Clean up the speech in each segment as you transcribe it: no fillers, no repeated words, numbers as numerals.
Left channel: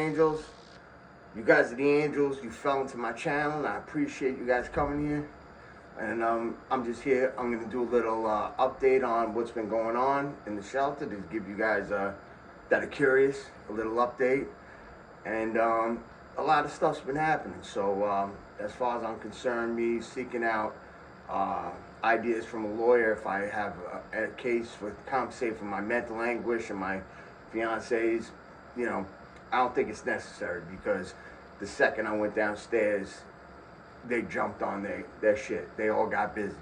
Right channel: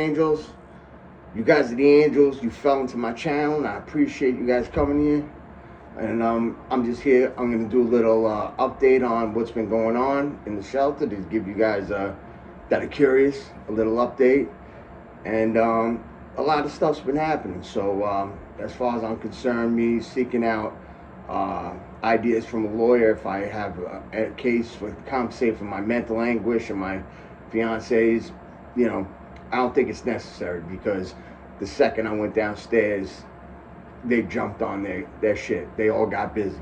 angels. You guys are the angels. You fell into my channel, and I appreciate you guys coming here. And I'm just here. I'm going to do a little update on what's been going on in the shelter to give you guys that are curious a little update. And a lot of stuff's been happening. So as far as I'm concerned, me seeking out ideas from a lawyer if I have a case with compensate for my mental anguish and my fiance's, you know, I don't think it's necessary, because the second I went downstairs, they jumped on their shit. They all got busy,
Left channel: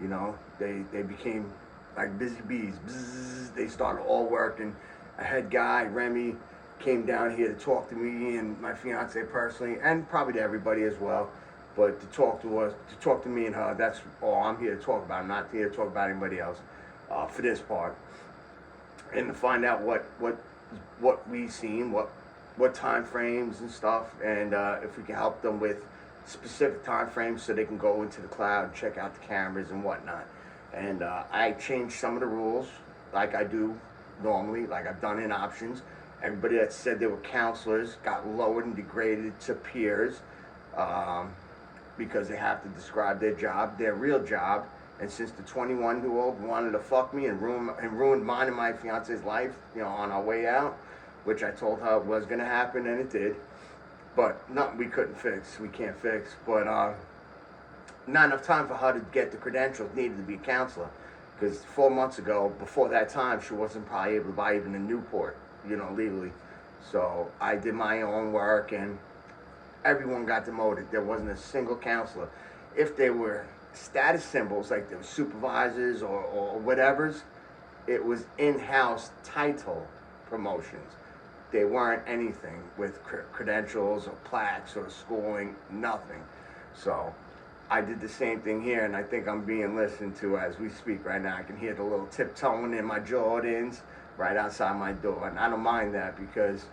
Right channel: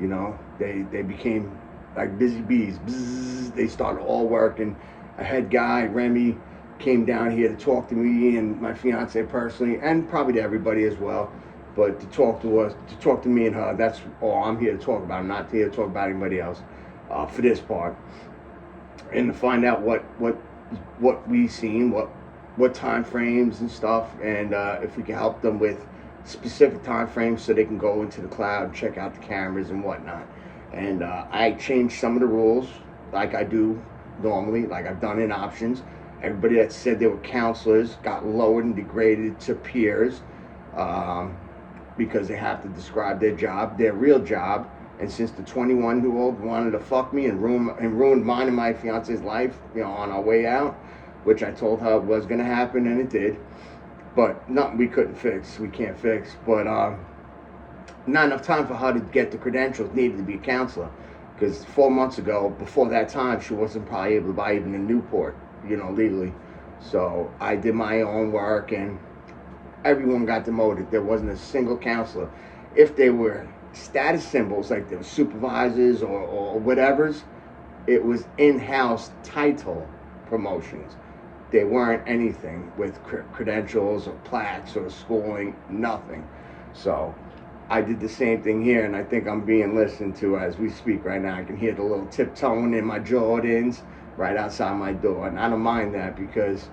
you know. They became like busy bees. Bzzz, they started all working. A head guy, Remy, came down here to talk to me and my fiance personally, and probably to everybody as well. But to talk to us, to talk to me and her, that's all I'm here to talk about. I'm not here to talk about anybody else for this part. And to find out what we've seen, what time frames and stuff, and if we can help them with specific time frames so they can go into the cloud and check out the cameras and whatnot. And I changed some of the rules like I do normally, like I've done in options. Everybody that said they were counselors got lowered and degraded to peers. Because they have to describe their job, their real job. And since the 21-year-old wanted to fuck me and ruined mine and my fiance's life, you know, on our way out, which I told her was gonna happen, and it did. But nothing we couldn't fix, we can't fix. But not enough time for her to get the credentials needed to be a counselor. Because 4 months ago, before that time, she wasn't probably able to buy even a Newport, you know, legally. So I did my own work, and everyone got demoted. There wasn't a single counselor. If they were status symbols, like they were supervisors or whatevers, it was in-house title promotions. They weren't anything with credentials or plaques or schooling, nothing. So I did the same thing here, and I think I'm being listened to as we speak right now. I can hear the little tiptoeing in my Jordans right outside my door, and I don't mind that, because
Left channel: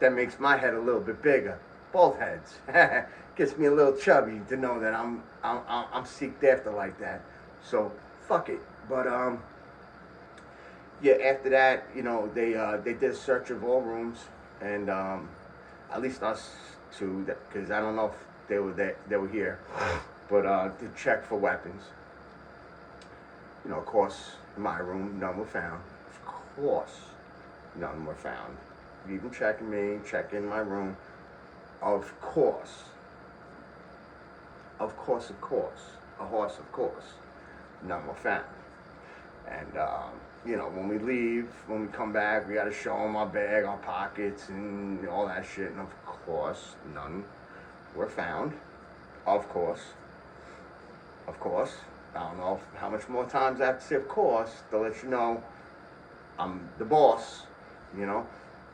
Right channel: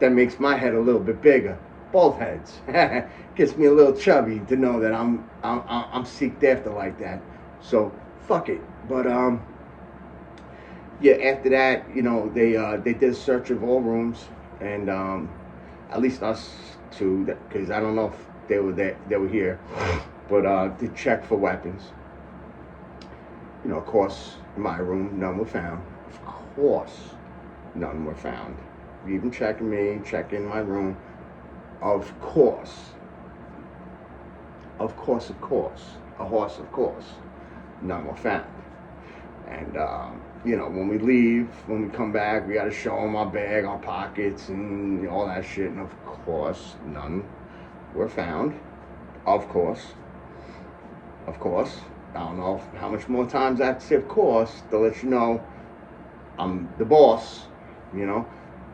that makes my head a little bit bigger. Both heads. Gets me a little chubby to know that I'm seeked after like that. So fuck it. But yeah, after that, you know, they did a search of all rooms, and at least us two, because I don't know if they were here, but to check for weapons. You know, of course, in my room, none were found. Of course, none were found. Even checking me, checking my room. Of course, a horse, of course, none were found. And, you know, when we leave, when we come back, we got to show them our bag, our pockets, and all that shit. And of course, none were found. Of course. I don't know how much more times I have to say of course to let you know I'm the boss, you know.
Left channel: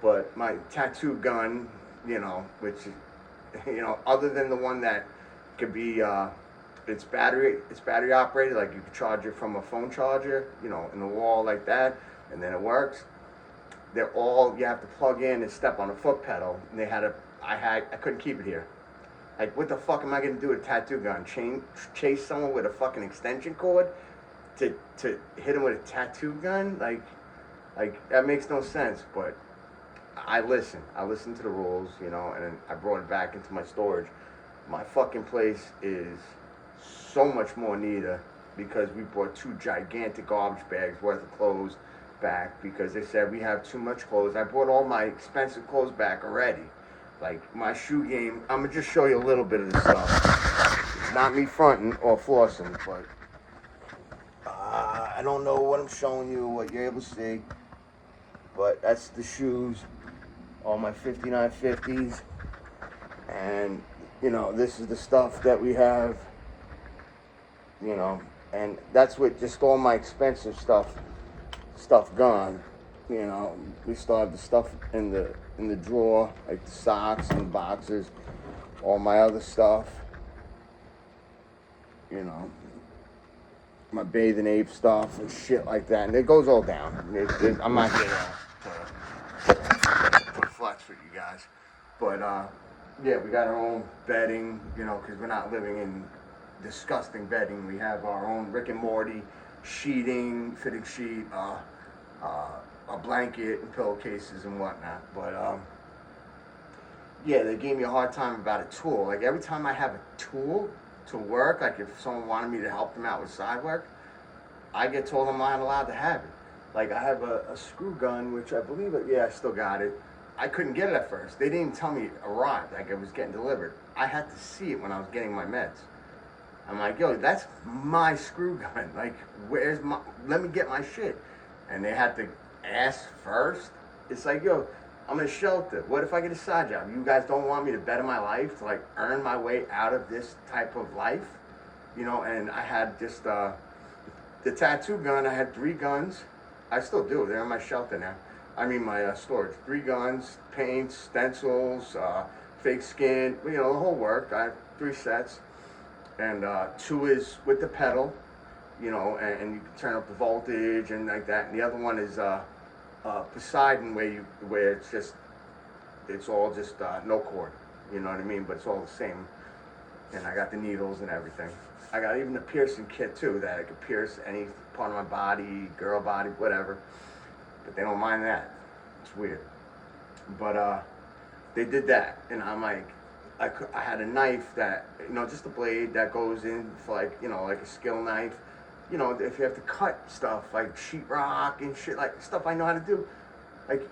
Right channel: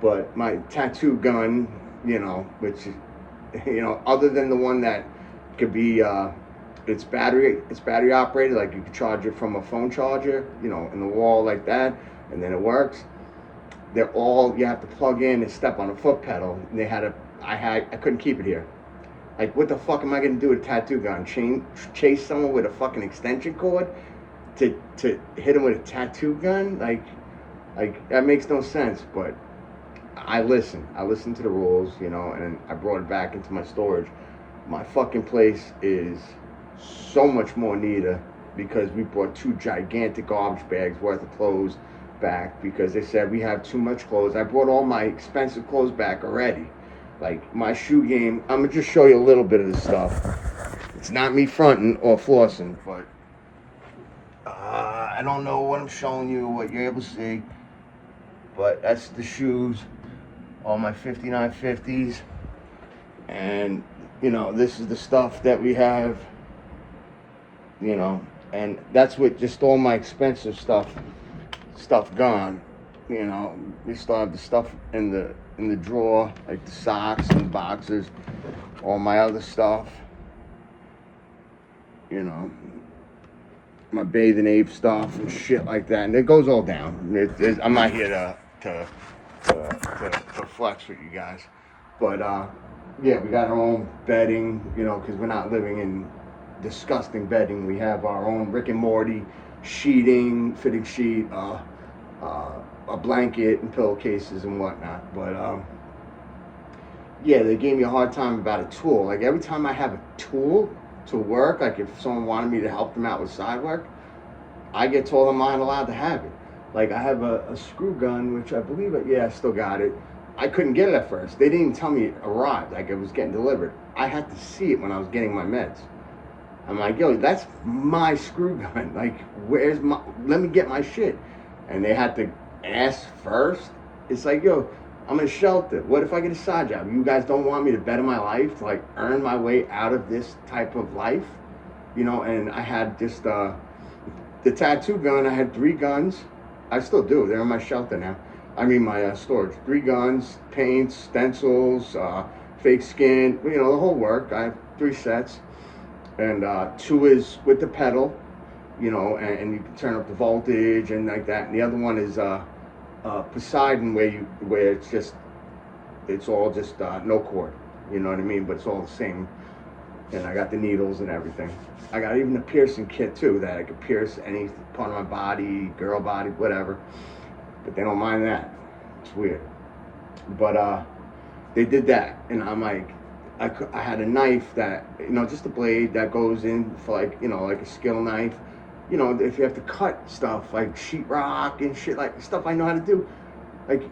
But my tattoo gun, you know, which, you know, other than the one that could be, it's battery operated, like you could charge it from a phone charger, you know, in the wall like that, and then it works. They're all, you have to plug in and step on a foot pedal, and I couldn't keep it here. Like, what the fuck am I gonna do with a tattoo gun? Chase someone with a fucking extension cord to hit them with a tattoo gun? Like that makes no sense. But I listened to the rules, you know, and I brought it back into my storage. My fucking place is so much more neater because we brought 2 gigantic garbage bags worth of clothes back because they said we have too much clothes. I brought all my expensive clothes back already. Like my shoe game, I'm gonna just show you a little bit of this stuff. It's not me fronting or flossing, but I don't know what I'm showing you, what you're able to see, but that's the shoes. All my 5950s, and you know, this is the stuff that we have, you know, and that's with just all my expensive stuff gone. You know, we still have the stuff in the drawer, like the socks and the boxes, all my other stuff, you know, my Bathing Ape stuff and shit like that, and it goes all down. I'm not here to flex with you guys, but yeah, we got our own bedding, you know, because we're not living in disgusting bedding. We have our own Rick and Morty sheeting, fitting sheet, a blanket and pillowcases and whatnot. But yeah, they gave me a hard time about a tool. Like every time I have a tool to work, like if someone wanted me to help them out with side work, I get told I'm not allowed to have it. Like I have a screw gun, which I believe, yeah, I still got it. I couldn't get it at first. They didn't even tell me it arrived, like it was getting delivered. I had to see it when I was getting my meds. I'm like, yo, that's my screw gun. Like, where's my? Let me get my shit. And they had to ask first. It's like, yo, I'm in a shelter. What if I get a side job? You guys don't want me to better my life, to like earn my way out of this type of life, you know? And I had just the tattoo gun. I had 3 guns. I still do. They're in my shelter now. I mean, my storage. 3 guns, paints, stencils, fake skin. You know, the whole work. I have 3 sets, and 2 is with the pedal, you know, and you can turn up the voltage and like that. And the other one is Poseidon, where it's all just no cord. You know what I mean? But it's all the same. And I got the needles and everything. I got even a piercing kit too, that I could pierce any part of my body, girl body, whatever. But they don't mind that. It's weird. But they did that, and I'm like, I had a knife that, you know, just a blade that goes in for like, you know, like a skill knife. You know, if you have to cut stuff like sheetrock and shit, like stuff I know how to do. Like,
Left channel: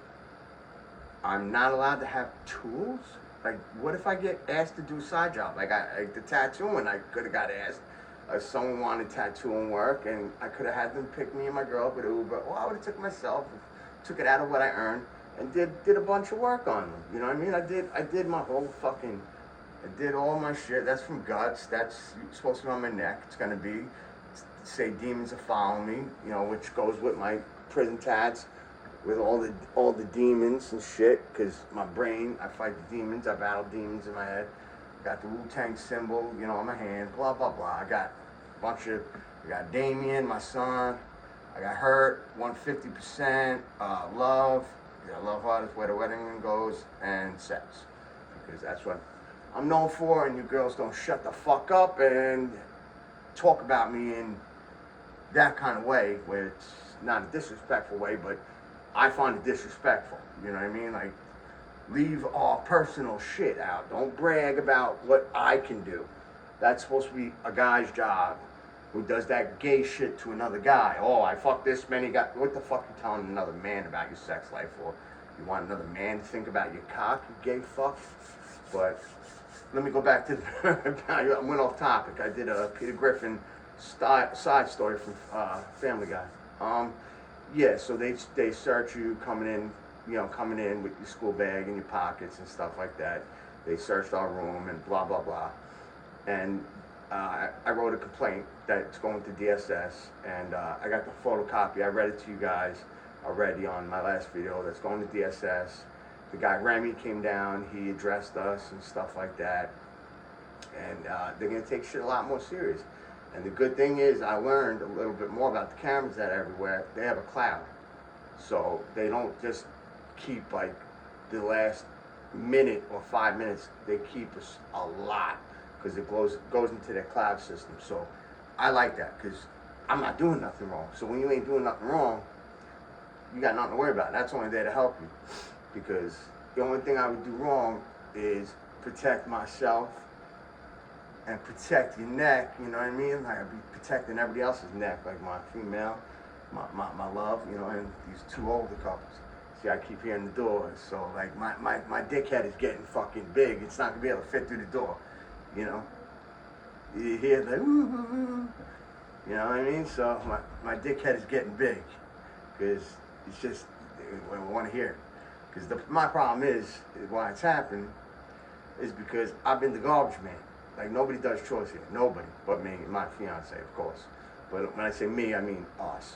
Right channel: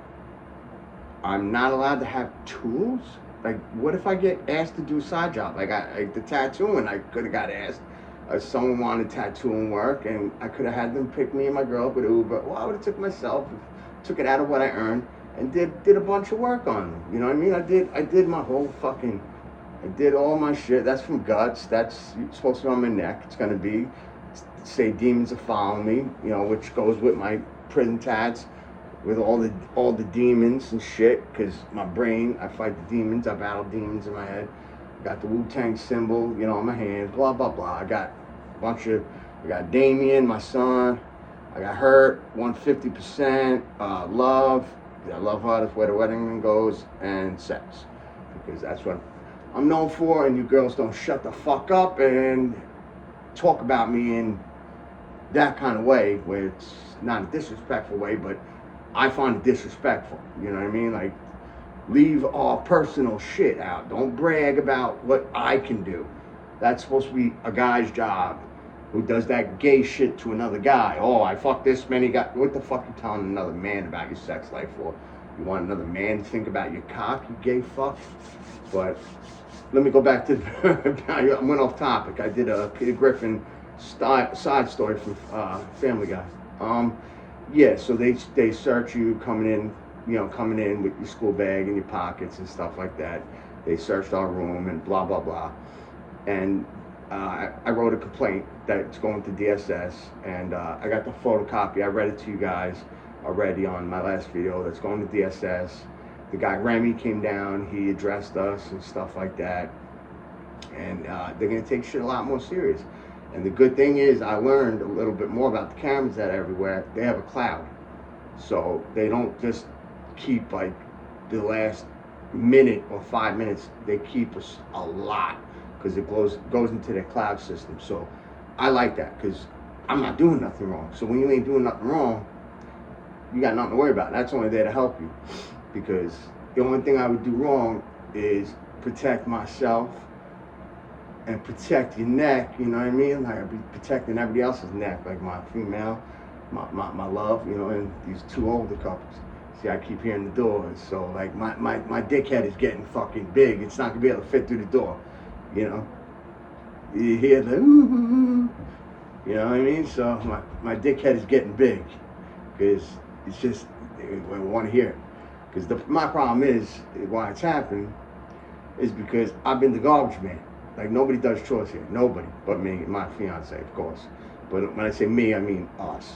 I'm not allowed to have tools. Like, what if I get asked to do a side job? Like the tattooing, I could have got asked. Someone wanted tattooing work, and I could have had them pick me and my girl up with Uber. Well, I would have took myself, took it out of what I earned, and did a bunch of work on them. You know what I mean? I did my whole fucking, I did all my shit. That's from Guts. That's supposed to be on my neck. It's gonna be, say demons are following me. You know, which goes with my prison tats, with all the demons and shit. Cause my brain, I fight the demons. I battle demons in my head. Got the Wu-Tang symbol, you know, on my hand, blah, blah, blah. I got a bunch of, I got Damien, my son. I got Hurt, 150%, Love. Yeah, Love Heart is where the wedding goes, and Sex. Because that's what I'm known for, and you girls don't shut the fuck up and talk about me in that kind of way, where it's not a disrespectful way, but I find it disrespectful. You know what I mean? Like, leave all personal shit out. Don't brag about what I can do. That's supposed to be a guy's job who does that gay shit to another guy. Oh, I fucked this many guys. What the fuck you telling another man about your sex life for? You want another man to think about your cock, you gay fuck? But let me go back to I went off topic. I did a Peter Griffin side story from Family Guy. Yeah, so they search you coming in with your school bag in your pockets and stuff like that. They searched our room and blah, blah, blah. And I wrote a complaint that's going to DSS, and I got the photocopy. I read it to you guys already on my last video. That's going to DSS. The guy Remy came down. He addressed us and stuff like that. And they're going to take shit a lot more serious. And the good thing is I learned a little bit more about the cameras that are everywhere. They have a cloud. So they don't just keep like the last minute or 5 minutes. They keep us a lot, because it goes into their cloud system. So I like that, because I'm not doing nothing wrong. So when you ain't doing nothing wrong, you got nothing to worry about. That's only there to help you, because the only thing I would do wrong is protect myself and protect your neck. You know what I mean? Like, I'd be protecting everybody else's neck, like my female, my love, you know, and these 2 older couples. See, I keep hearing the doors, so like my dickhead is getting fucking big. It's not gonna be able to fit through the door, you know. You hear the ooh, you know what I mean? So my dickhead is getting big, because it's just, we want to hear it. Because my problem is, why it's happened, is because I've been the garbage man. Like, nobody does chores here, nobody but me and my fiance, of course. But when I say me, I mean us,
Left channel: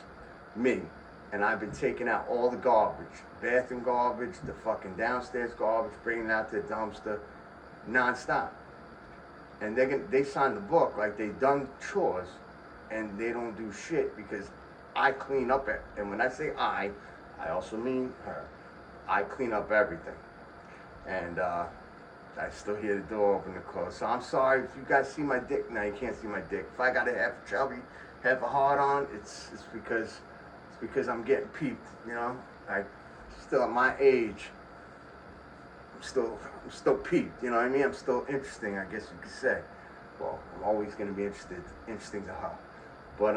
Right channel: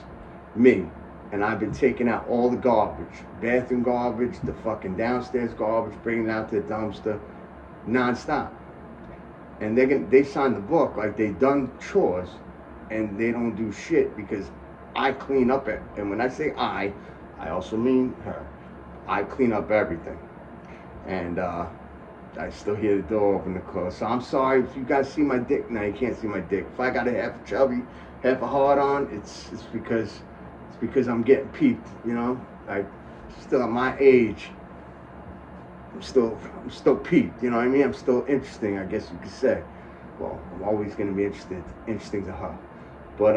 me. And I've been taking out all the garbage, bathroom garbage, the fucking downstairs garbage, bringing it out to the dumpster, nonstop. And they signed the book like they done chores, and they don't do shit, because I clean up it. And when I say I also mean her. I clean up everything. And I still hear the door open and close. So I'm sorry if you guys see my dick. Now you can't see my dick. If I got a half a chubby, half a hard on, it's because I'm getting peaked, you know? Like, still at my age, I'm still peeped, you know what I mean? I'm still interesting, I guess you could say. Well, I'm always gonna be interesting to her. But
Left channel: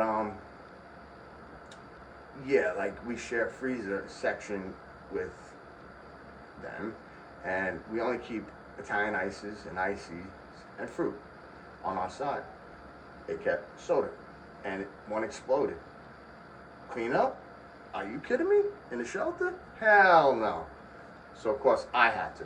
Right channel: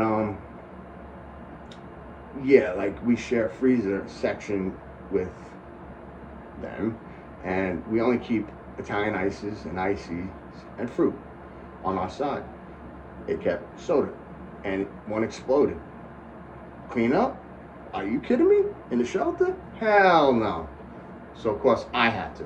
yeah, like we share a freezer section with them, and we only keep Italian ices and ices and fruit on our side. It kept soda, and one exploded. Clean up? Are you kidding me? In the shelter? Hell no. So of course I had to.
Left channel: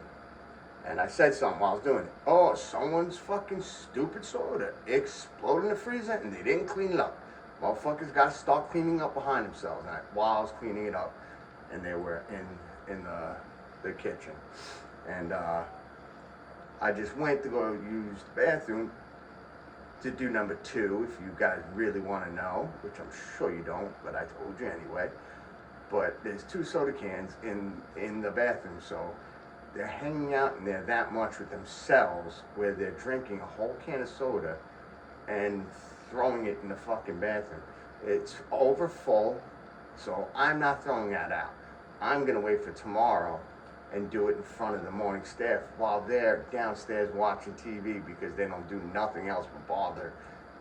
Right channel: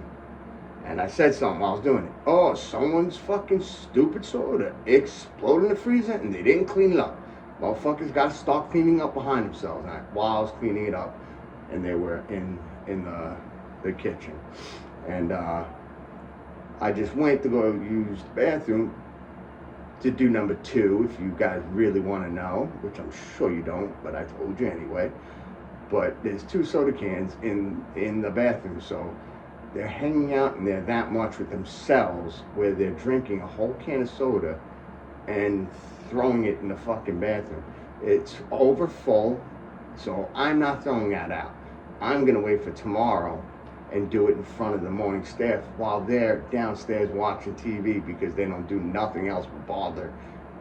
And I said something while I was doing it. Oh, someone's fucking stupid soda exploded in the freezer and they didn't clean it up. Motherfuckers got to start cleaning up behind themselves. And while I was cleaning it up, and they were in the kitchen, and I just went to go use the bathroom to do number 2, if you guys really want to know, which I'm sure you don't, but I told you anyway. But there's 2 soda cans in the bathroom, so they're hanging out in there that much with themselves, where they're drinking a whole can of soda and throwing it in the fucking bathroom. It's over full, so I'm not throwing that out. I'm gonna wait for tomorrow and do it in front of the morning staff while they're downstairs watching TV, because they don't do nothing else but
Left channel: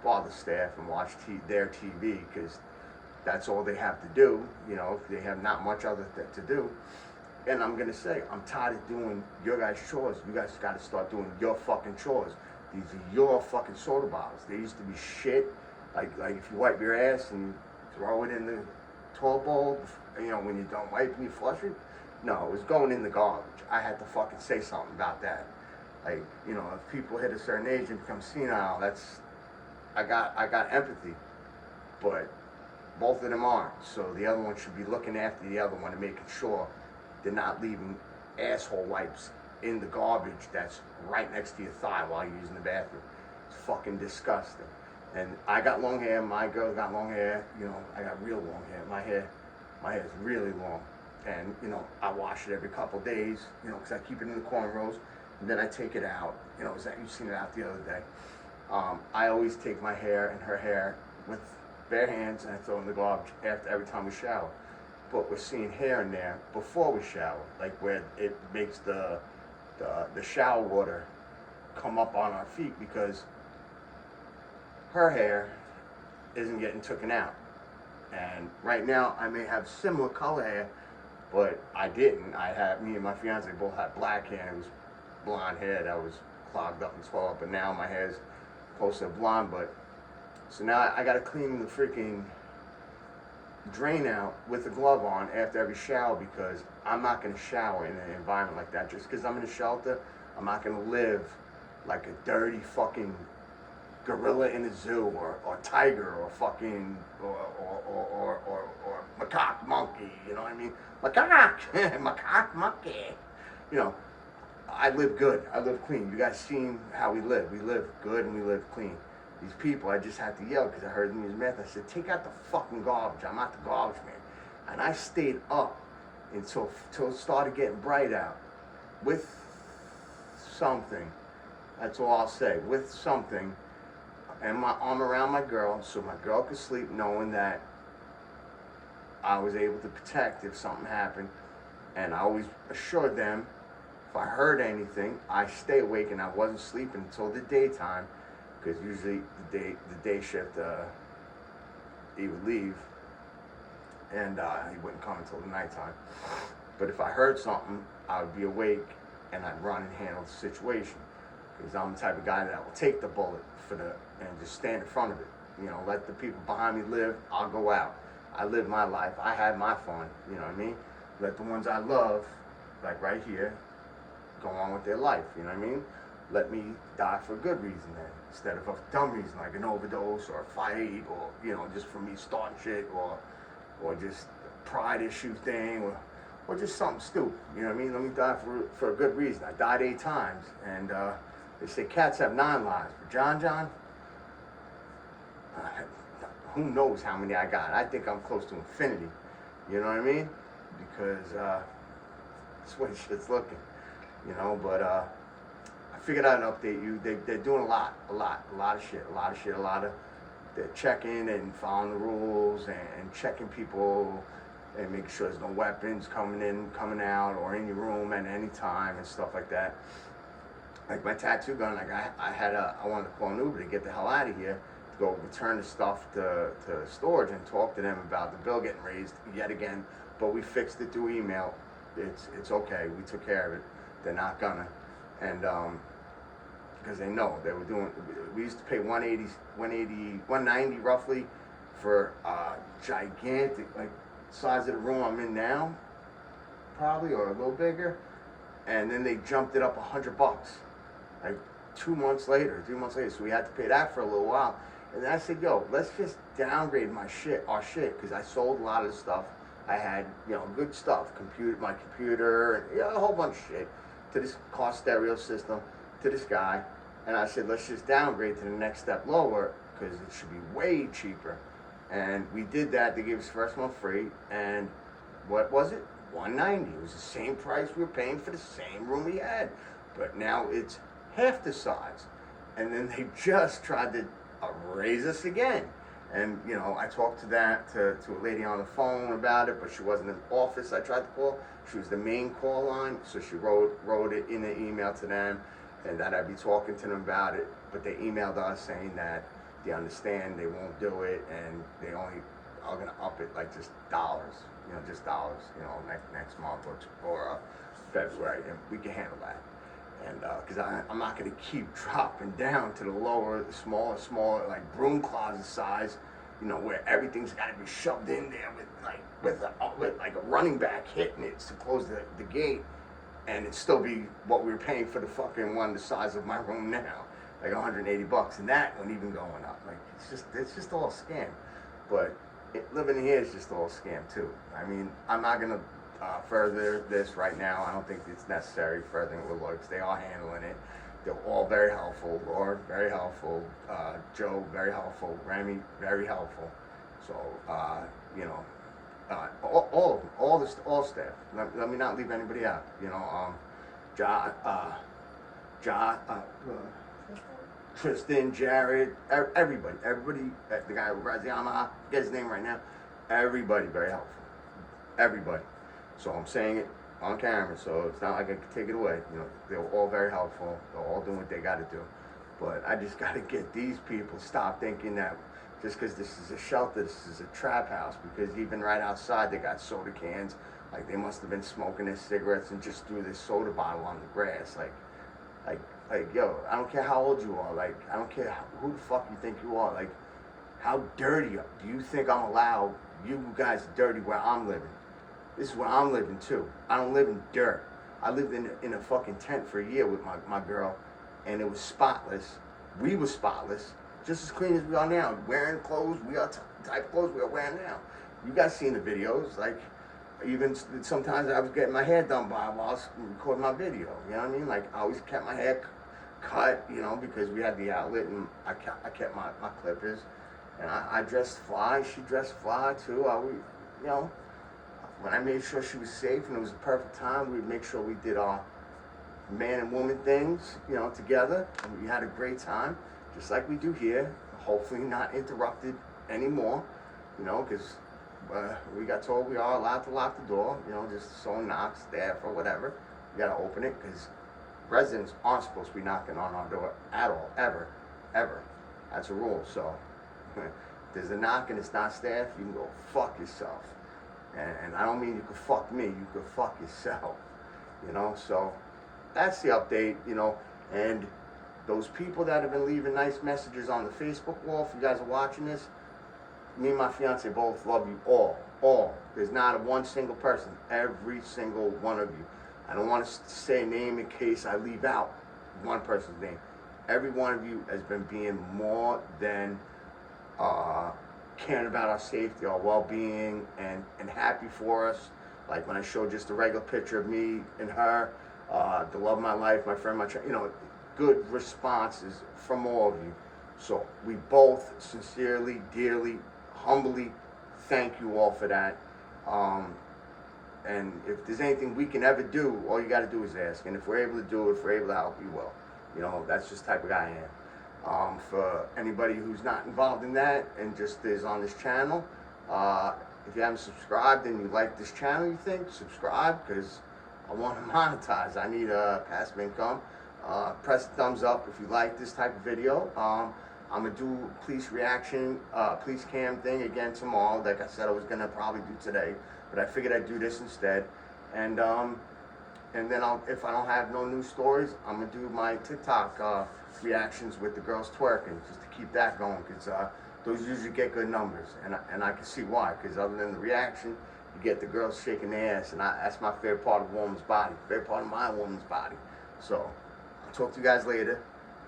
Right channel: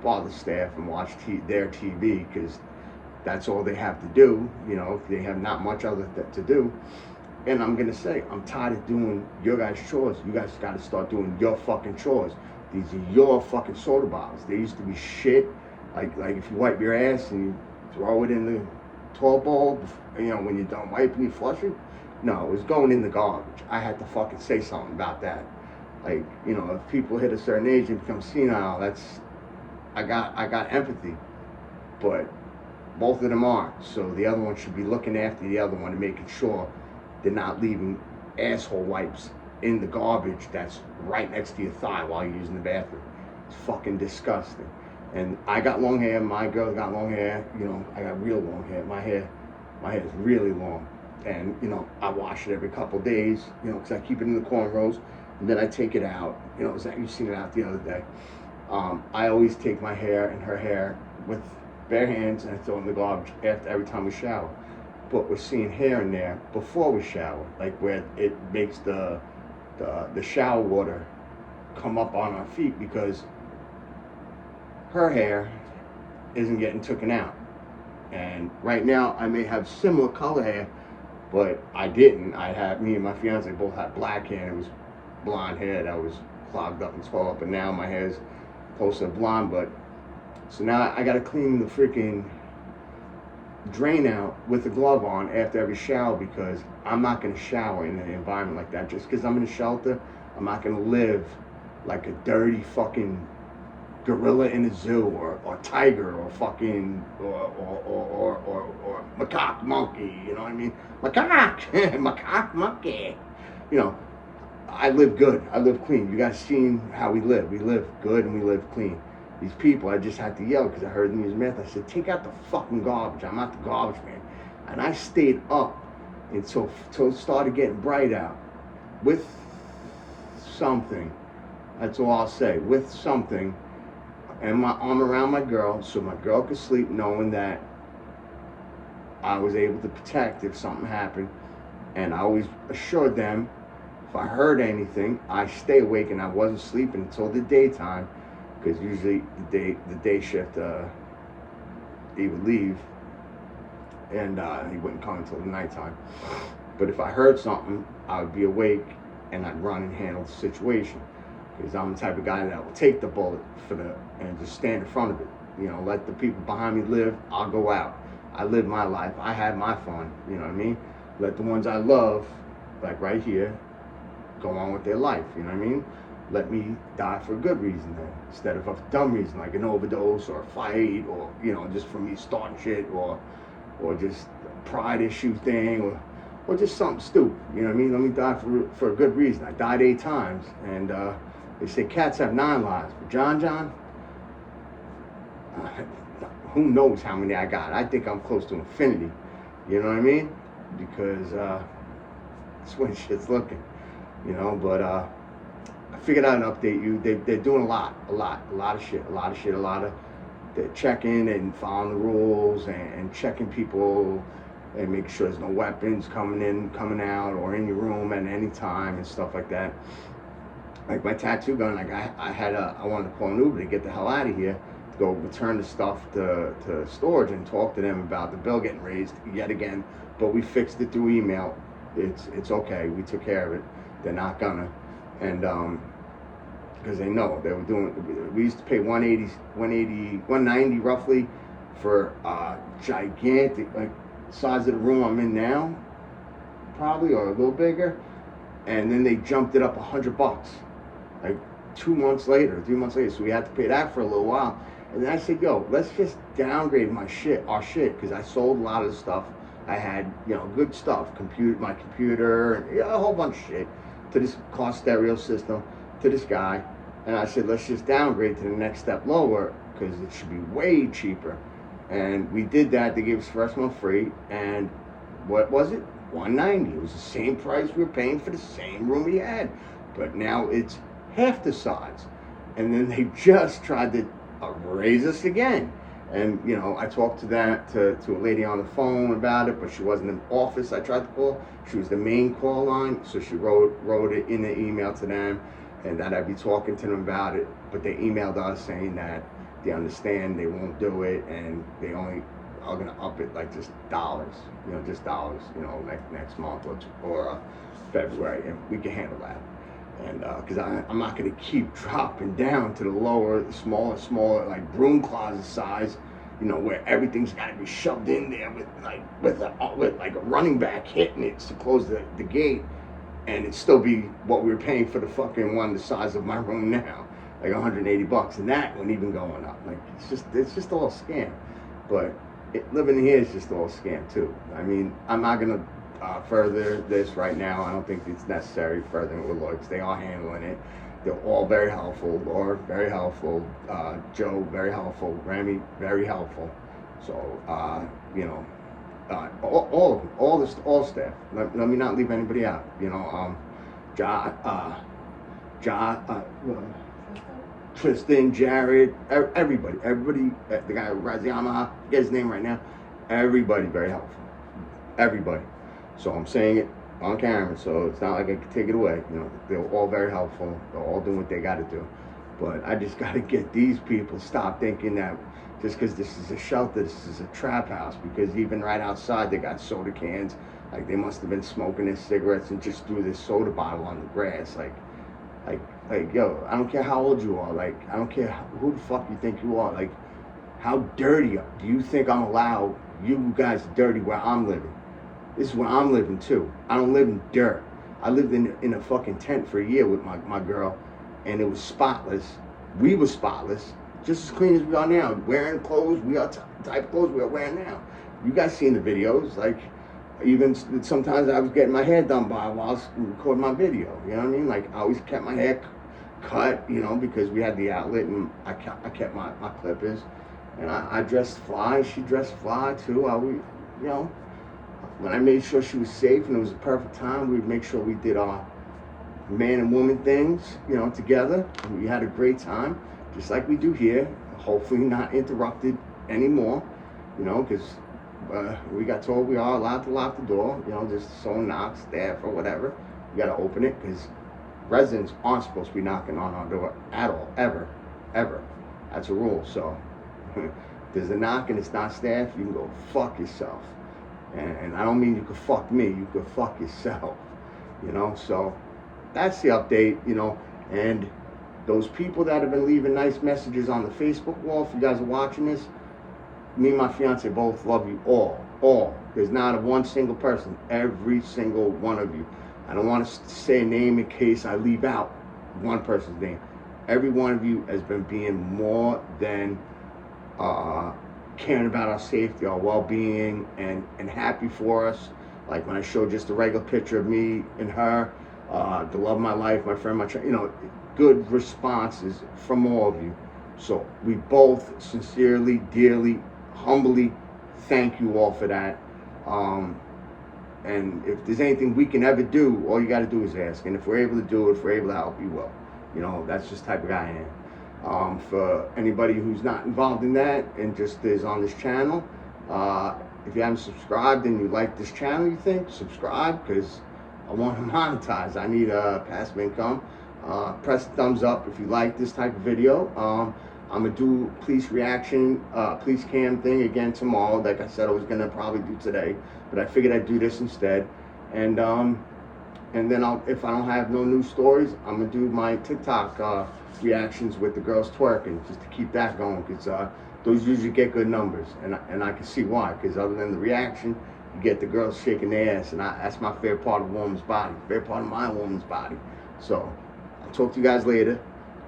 bother staff and watch their TV, because that's all they have to do. You know, they have not much other to do. And I'm gonna say, I'm tired of doing your guys' chores. You guys gotta start doing your fucking chores. These are your fucking soda bottles. They used to be shit. Like if you wipe your ass and you throw it in the toilet bowl, you know, when you're done wiping, you flush it. No, it was going in the garbage. I had to fucking say something about that. Like, you know, if people hit a certain age and become senile, I got empathy. But both of them aren't. So the other one should be looking after the other one and making sure they're not leaving asshole wipes in the garbage that's right next to your thigh while you're using the bathroom. It's fucking disgusting. And I got long hair, my girl's got long hair, you know, I got real long hair. My hair is really long. And, you know, I wash it every couple of days, you know, because I keep it in the cornrows, and then I take it out. You know, you've seen it out the other day. I always take my hair and her hair with bare hands, and I throw it in the garbage every time we shower. But we're seeing hair in there before we shower, like where it makes the shower water come up on our feet, because her hair isn't getting taken out. And right now I may have similar color hair, but I didn't. Me and my fiance both had black hair, and it was blonde hair that was clogged up and swelled up, and now my hair's close to blonde. But so now I gotta clean the freaking drain out with a glove on after every shower, because I'm not gonna shower in an environment like that. Just because I'm in a shelter, I'm not gonna live like a dirty fucking gorilla in a zoo, or tiger, or fucking or macaque monkey, you know what I mean? Macaque monkey. You know, I live good. I live clean. You guys seen how we live. We live good and we live clean. These people, I just had to yell because I heard them use meth. I said, take out the fucking garbage. I'm not the garbage man. And I stayed up until it started getting bright out with something. That's all I'll say. With something. And my arm around my girl, so my girl could sleep, knowing that I was able to protect if something happened. And I always assured them, if I heard anything, I stay awake, and I wasn't sleeping until the daytime, because usually the day shift, he would leave, and he wouldn't come until the nighttime. But if I heard something, I would be awake, and I'd run and handle the situation, because I'm the type of guy that will take the bullet and just stand in front of it. You know, let the people behind me live. I'll go out. I live my life. I had my fun. You know what I mean? Let the ones I love, like right here, go on with their life. You know what I mean? Let me die for a good reason then, instead of a dumb reason like an overdose or a fight, or, you know, just for me starting shit, or just a pride issue thing, or just something stupid. You know what I mean? Let me die for a good reason. I died 8 times, and they say cats have 9 lives, but John, who knows how many I got? I think I'm close to infinity. You know what I mean? Because that's the way shit's looking. You know, but I figured I'd update you. They're doing a lot of shit. They're checking and following the rules, and checking people and make sure there's no weapons coming in, coming out, or in your room at any time and stuff like that. Like my tattoo gun, like I wanted to call an Uber to get the hell out of here, to go return the stuff to storage and talk to them about the bill getting raised yet again. But we fixed it through email. It's okay. We took care of it. They're not gonna, and because they know they were doing. We used to pay 190 roughly for gigantic, like size of the room I'm in now, probably, or a little bigger, and then they jumped it up $100, like 2 months later, 3 months later. So we had to pay that for a little while, and then I said, yo, let's just downgrade our shit, because I sold a lot of the stuff I had, good stuff, my computer, and a whole bunch of shit, to this car stereo system, to this guy. And I said, let's just downgrade to the next step lower, because it should be way cheaper. And we did that. They gave us first month free. And what was it? $190. It was the same price we were paying for the same room we had. But now it's half the size. And then they just tried to raise us again. And, I talked to a lady on the phone about it, but she wasn't in the office. I tried to call. She was the main call line. So she wrote it in an email to them, and that I'd be talking to them about it. But they emailed us saying that they understand they won't do it, and they only are gonna up it like just dollars, next month or February, and we can handle that. And because I'm not gonna keep dropping down to the lower, smaller, like broom closet size, where everything's got to be shoved in there with like a running back hitting it to close the gate, and it still be what we were paying for the fucking one the size of my room now, like $180, and that wasn't even going up. Like it's just all a scam. But living here is just all a scam too. I mean, I'm not gonna further this right now. I don't think it's necessary furthering it with lawyers. They are handling it. They're all very helpful. Laura, very helpful. Joe, very helpful. Remy, very helpful. So, all of them, all staff. Let me not leave anybody out. Tristan, Jared, everybody, the guy Raziyama, get his name right now. Everybody very helpful. Everybody. So I'm saying it on camera, so it's not like I can take it away. They're all very helpful. They're all doing what they got to do. But I just got to get these people to stop thinking that just because this is a shelter, this is a trap house. Because even right outside, they got soda cans. Like they must have been smoking their cigarettes and just threw this soda bottle on the grass. Like, yo, I don't care how old you are. Like, I don't care who the fuck you think you are. Like, how dirty do you think I'm allowed you guys dirty where I'm living? This is where I'm living too. I don't live in dirt. I lived in a fucking tent for a year with my girl, and it was spotless. We were spotless, just as clean as we are now. Wearing clothes, we are type of clothes we are wearing now. You guys seen the videos? Like, even sometimes I was getting my hair done while I was recording my video. You know what I mean? Like, I always kept my hair cut, because we had the outlet, and I kept my clippers. And I dressed fly. She dressed fly too. When I made sure she was safe and it was a perfect time, we'd make sure we did our man and woman things, together. And we had a great time, just like we do here. Hopefully not interrupted anymore, because we got told we are allowed to lock the door, just if someone knocks, staff or whatever. We got to open it, because residents aren't supposed to be knocking on our door at all, ever. That's a rule. So if there's a knock and it's not staff, you can go fuck yourself. And I don't mean you could fuck me, you could fuck yourself, so that's the update, and those people that have been leaving nice messages on the Facebook wall, if you guys are watching this, me and my fiance both love you all. There's not one single person, every single one of you. I don't want to say a name in case I leave out one person's name. Every one of you has been being more than caring about our safety, our well-being, and happy for us. Like when I showed just a regular picture of me and her, the love of my life, my friend, good responses from all of you. So we both sincerely, dearly, humbly thank you all for that. And if there's anything we can ever do, all you got to do is ask. And if we're able to do it, if we're able to help, you will. That's just the type of guy I am. For anybody who's not involved in that and just is on this channel, If you haven't subscribed and you like this channel, you think, subscribe, because I want to monetize. I need a passive income. Press the thumbs up if you like this type of video. I'm gonna do police reaction, police cam thing again tomorrow. Like I said, I was gonna probably do today, but I figured I'd do this instead. And then if I don't have no new stories, I'm gonna do my TikTok reactions with the girls twerking, just to keep that going, because those usually get good numbers, and I can see why. Because other than the reaction, you get the girls shaking their ass, and that's my favorite part of a woman's body, favorite part of my woman's body. So I'll talk to you guys later.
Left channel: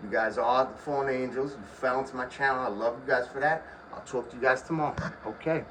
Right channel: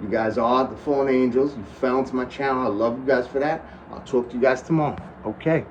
You guys are the fallen angels. You fell into my channel. I love you guys for that. I'll talk to you guys tomorrow. Okay.